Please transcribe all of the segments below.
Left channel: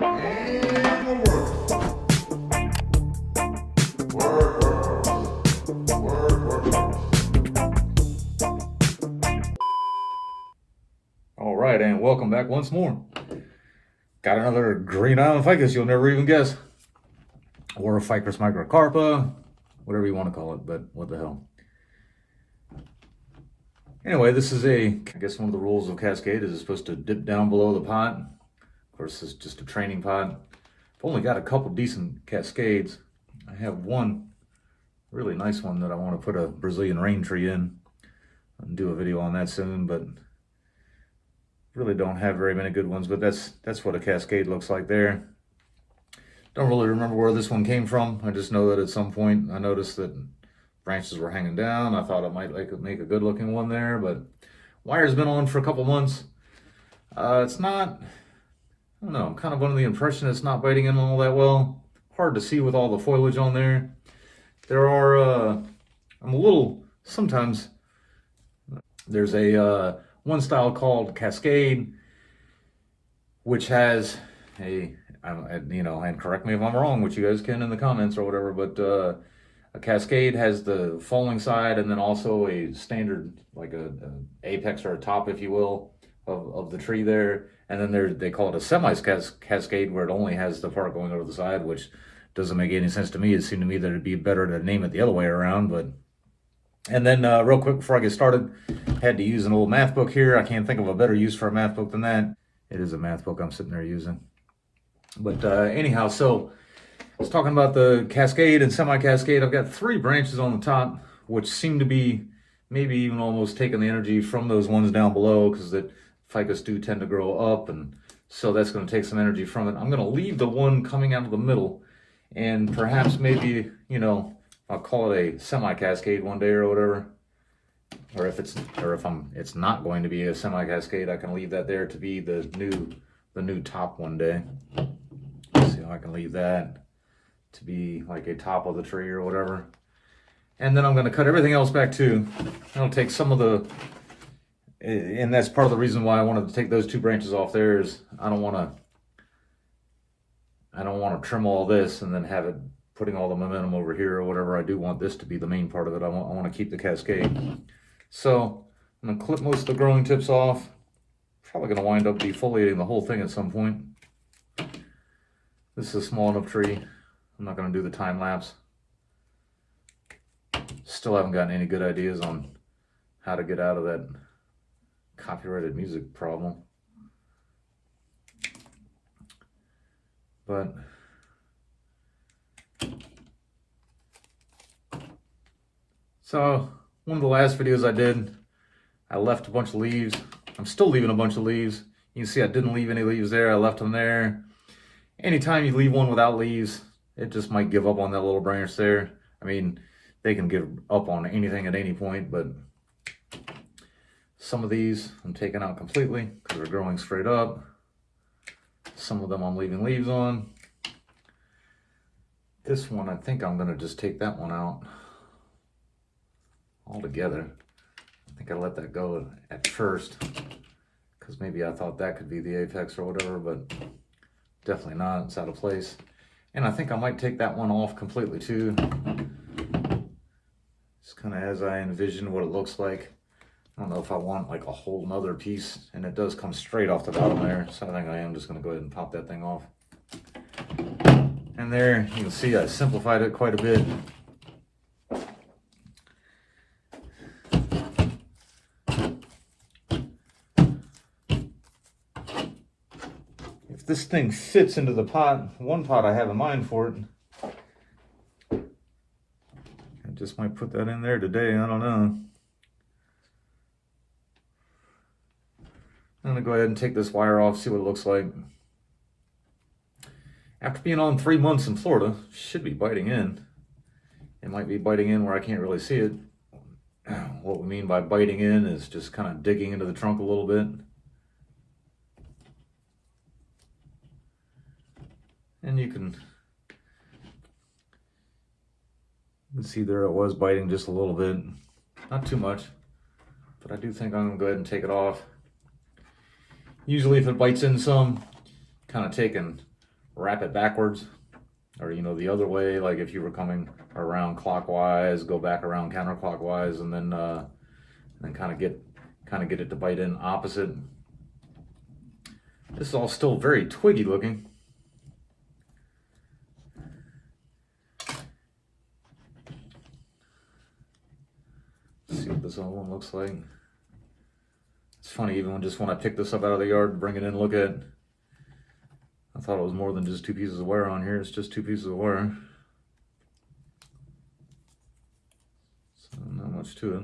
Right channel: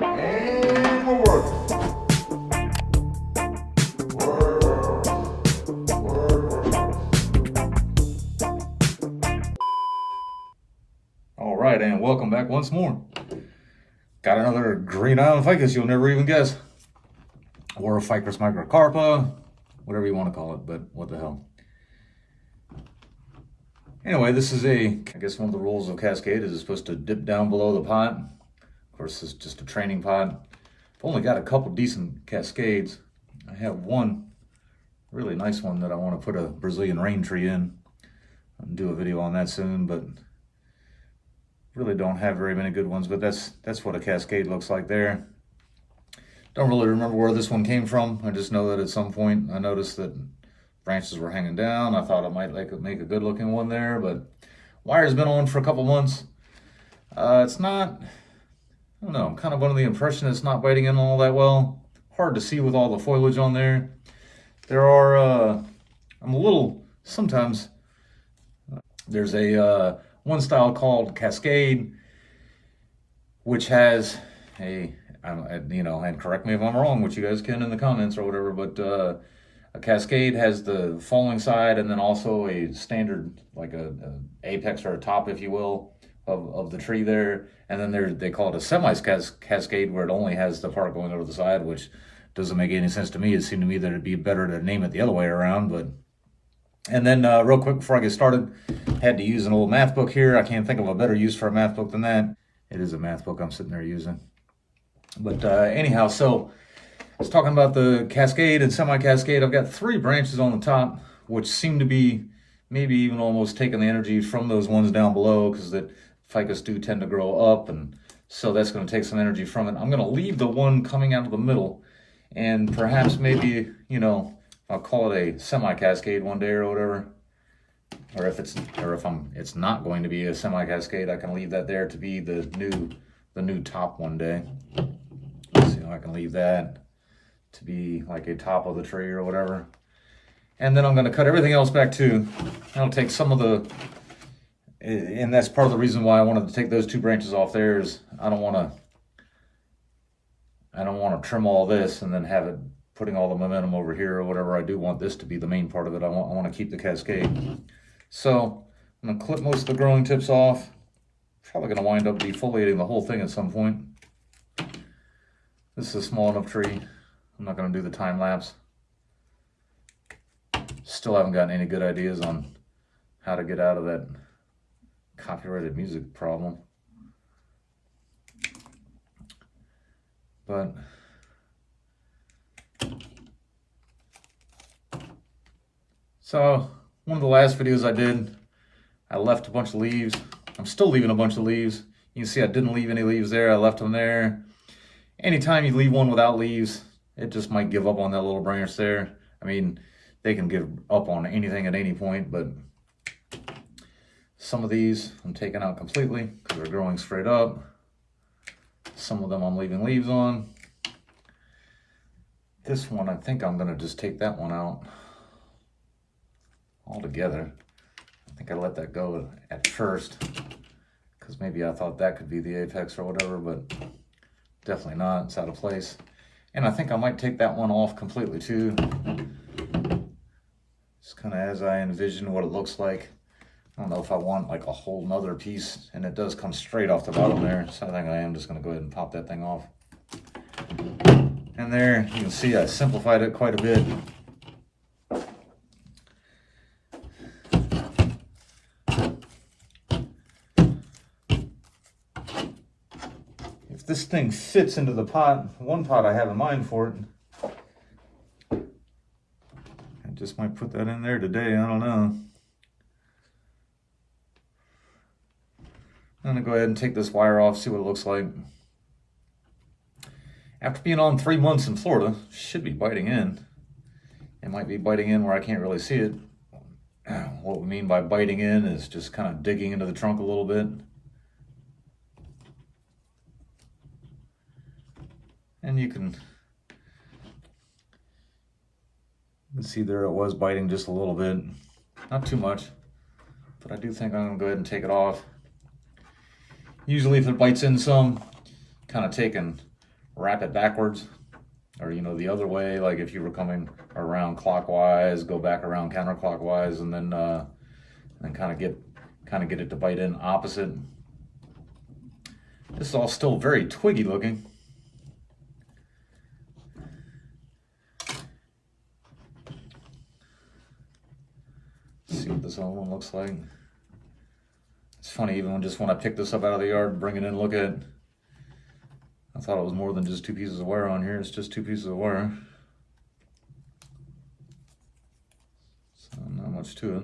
And we're working. All right, and welcome back once more. Got another green island ficus you'll never even guess. Or a Ficus microcarpa, whatever you want to call it, but what the hell. Anyway, this is I guess one of the rules of Cascade is it's supposed to dip down below the pot. Of course, this is just a training pot. I've only got a couple decent Cascades. I have one really nice one that I want to put a Brazilian rain tree in. I'll do a video on that soon, but really don't have very many good ones, but that's what a Cascade looks like there. Don't really remember where this one came from. I just know that at some point I noticed that branches were hanging down. I thought it might make a good looking one there, but wire's been on for a couple months. It's not, I don't know, I'm kind of under the impression it's not biting in all that well. Hard to see with all the foliage on there. There are, I'm a little, sometimes, there's a one style called Cascade, which has and correct me if I'm wrong, which you guys can in the comments or whatever, but a Cascade has the falling side and then also a standard, like a apex or a top, if you will, of the tree there. And then they call it a semi-cascade, where it only has the part going over the side, which doesn't make any sense to me. It seemed to me that it'd be better to name it the other way around. But and then real quick before I get started, had to use an old math book here. I can't think of a better use for a math book than that. It is a math book I'm sitting there using. But anyhow, so I was talking about the Cascade and semi-cascade. I've got 3 branches on the top, which seem to be maybe even almost taking the energy from those ones down below, because the ficus do tend to grow up, and so that's going to take some energy from it. I'm going to leave the one coming out of the middle, and perhaps maybe, I'll call it a semi-cascade one day or whatever. Or if it's not going to be a semi-cascade, I can leave that there to be the new top one day. See how I can leave that to be like a top of the tree or whatever. And then I'm going to cut everything else back too. I'll take some of the, and that's part of the reason why I wanted to take those 2 branches off there, is I don't want to trim all this and then have it putting all the momentum over here or whatever. I do want this to be the main part of it. I want to keep the Cascade. So I'm going to clip most of the growing tips off. Probably going to wind up defoliating the whole thing at some point. This is a small enough tree. I'm not going to do the time lapse. Still haven't gotten any good ideas on how to get out of that copyrighted music problem. But so one of the last videos I did, I left a bunch of leaves. I'm still leaving a bunch of leaves. You can see I didn't leave any leaves there. I left them there. Anytime you leave one without leaves, it just might give up on that little branch there. I mean, they can give up on anything at any point, but some of these I'm taking out completely because they're growing straight up. Some of them I'm leaving leaves on. This one, I think I'm going to just take that one out altogether. I think I let that go at first because maybe I thought that could be the apex or whatever, but definitely not. It's out of place. And I think I might take that one off completely too. Just kind of as I envision what it looks like. I don't know if I want like a whole nother piece, and it does come straight off the bottom there. So I think I am just going to go ahead and pop that thing off. And there you can see I simplified it quite a bit. If this thing fits into the pot, one pot I have in mind for it, I just might put that in there today. I don't know. I'm going to go ahead and take this wire off, see what it looks like. After being on 3 months in Florida, should be biting in. It might be biting in where I can't really see it. What we mean by biting in is just kind of digging into the trunk a little bit. And you can see there it was biting just a little bit. Not too much, but I do think I'm going to go ahead and take it off. Usually if it bites in some, kind of take and wrap it backwards, or you know, the other way, like if you were coming around clockwise, go back around counterclockwise, and then kind of get it to bite in opposite. This is all still very twiggy looking. Let's see what this other one looks like. It's funny, even when I picked this up out of the yard to bring it in, look at, I thought it was more than just 2 pieces of wire on here. It's just 2 pieces of wire. So not much to it.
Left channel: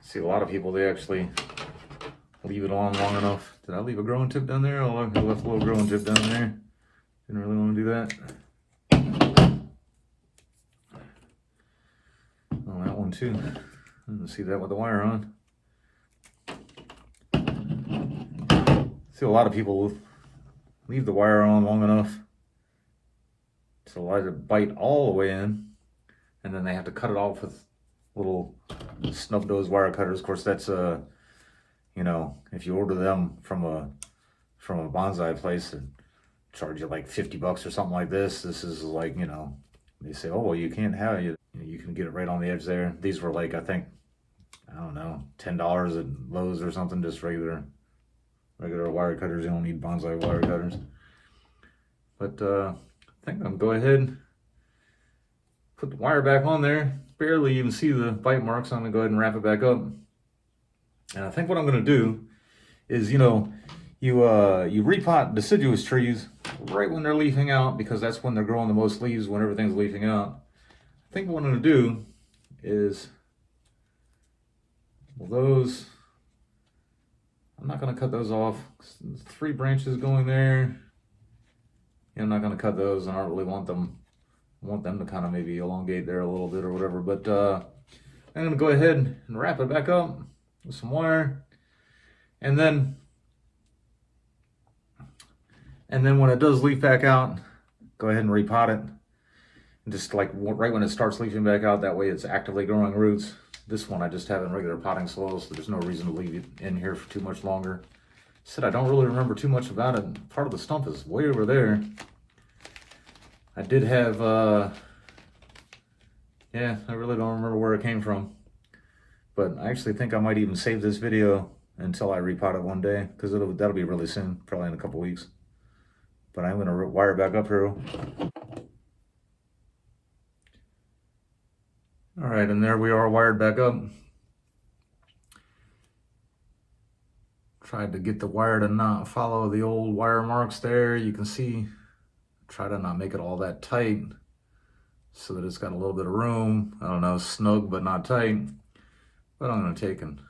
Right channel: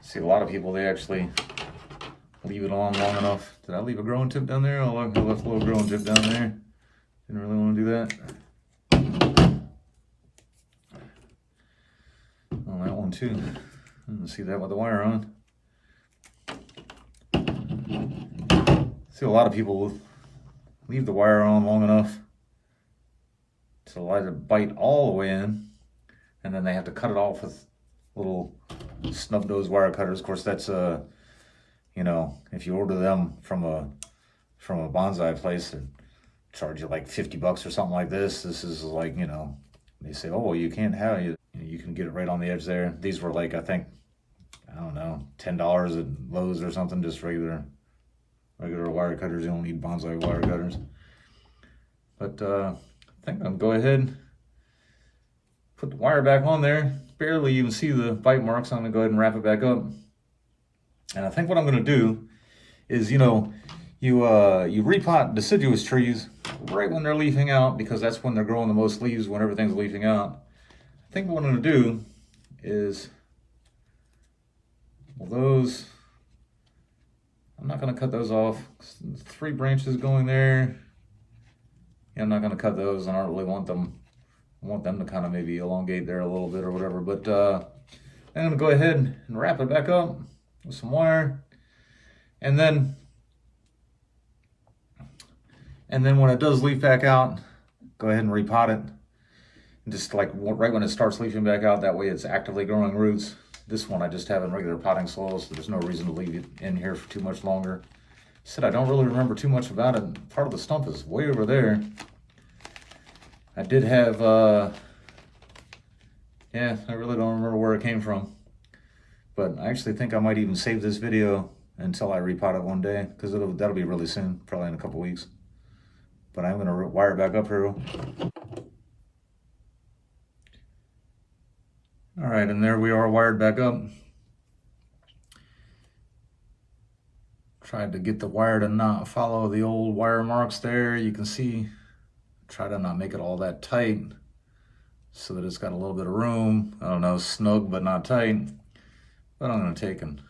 See, a lot of people, they actually leave it on long enough. Did I leave a growing tip down there? Oh, I left a little growing tip down there. Didn't really want to do that. Oh, that one too. I didn't see that with the wire on. See, a lot of people leave the wire on long enough to let it bite all the way in, and then they have to cut it off with little snub nose wire cutters. Of course, that's you know, if you order them from a bonsai place, they charge you like 50 bucks or something like this. This is like, you know, they say, oh well, you can't have it. You can get it right on the edge there. These were like, I think, I don't know, $10 at Lowe's or something, just regular wire cutters. You don't need bonsai wire cutters. But I think I'm gonna go ahead, put the wire back on there. Barely even see the bite marks. I'm gonna go ahead and wrap it back up. And I think what I'm gonna do is, you know, you repot deciduous trees right when they're leafing out, because that's when they're growing the most leaves, when everything's leafing out. I think what I'm gonna do is, well, those, I'm not gonna cut those off. 3 branches going there. Yeah, I'm not gonna cut those. I don't really want them. I want them to kind of maybe elongate there a little bit or whatever, but I'm gonna go ahead and wrap it back up with some wire, and then when it does leaf back out, go ahead and repot it. And just like right when it starts leafing back out, that way it's actively growing roots. This one I just have in regular potting soil, so there's no reason to leave it in here for too much longer. Said I don't really remember too much about it. Part of the stump is way over there. I did have, yeah, I really don't remember where it came from. But I actually think I might even save this video until I repot it one day, because that'll be really soon, probably in a couple weeks. But I'm gonna wire back up here. All right, and there we are, wired back up. Tried to get the wire to not follow the old wire marks there. You can see, try to not make it all that tight so that it's got a little bit of room. I don't know, snug but not tight. But I'm gonna take and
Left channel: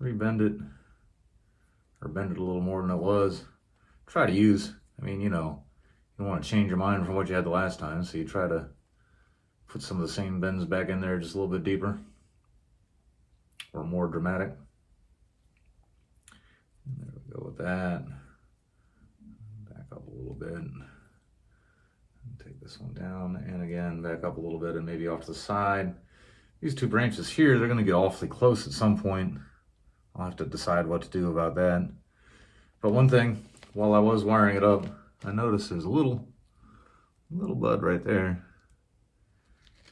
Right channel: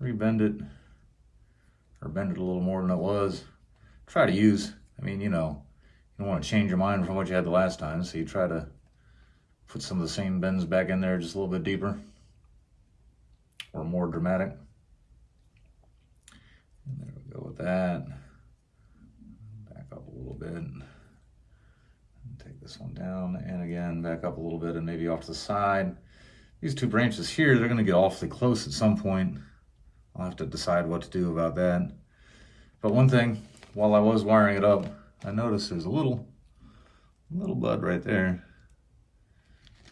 rebend it, or bend it a little more than it was. Try to use, I mean, you know, you don't want to change your mind from what you had the last time, so you try to put some of the same bends back in there just a little bit deeper or more dramatic. And there we go with that. Back up a little bit. And take this one down, and again, back up a little bit, and maybe off to the side. These 2 branches here, they're gonna get awfully close at some point. I'll have to decide what to do about that. But one thing, while I was wiring it up, I noticed there's a little bud right there.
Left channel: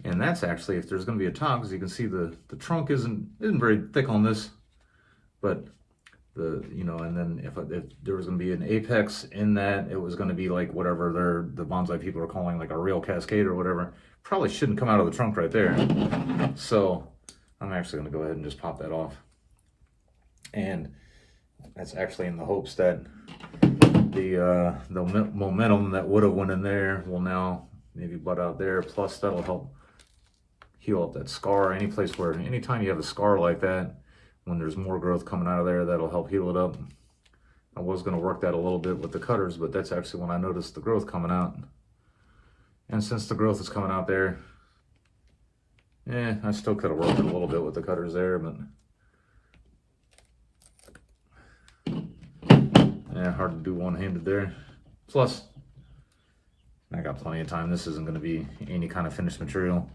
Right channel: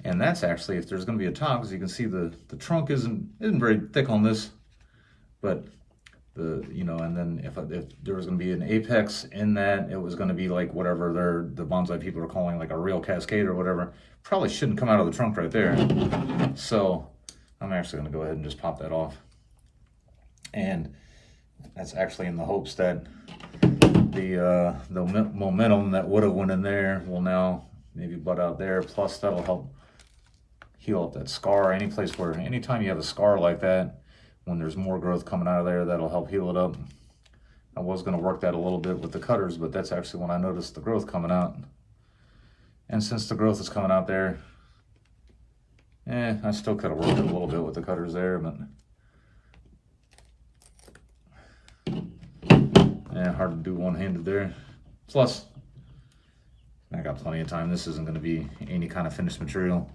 And that's actually, if there's gonna be a top, because you can see the trunk isn't very thick on this, but you know, and then if there was gonna be an apex in that, it was gonna be like whatever the bonsai people are calling like a real cascade or whatever. Probably shouldn't come out of the trunk right there. So I'm actually gonna go ahead and just pop that off. And that's actually in the hopes that the momentum that would have went in there will now maybe butt out there. Plus that'll help heal up that scar. Anytime you have a scar like that, when there's more growth coming out of there, that'll help heal it up. I was gonna work that a little bit with the cutters, but that's actually when I noticed the growth coming out. And since the growth is coming out there, I still could have worked it a little bit with the cutters there, but of hard to do one-handed there. Plus, I got plenty of time. This isn't going to be any kind of finished material.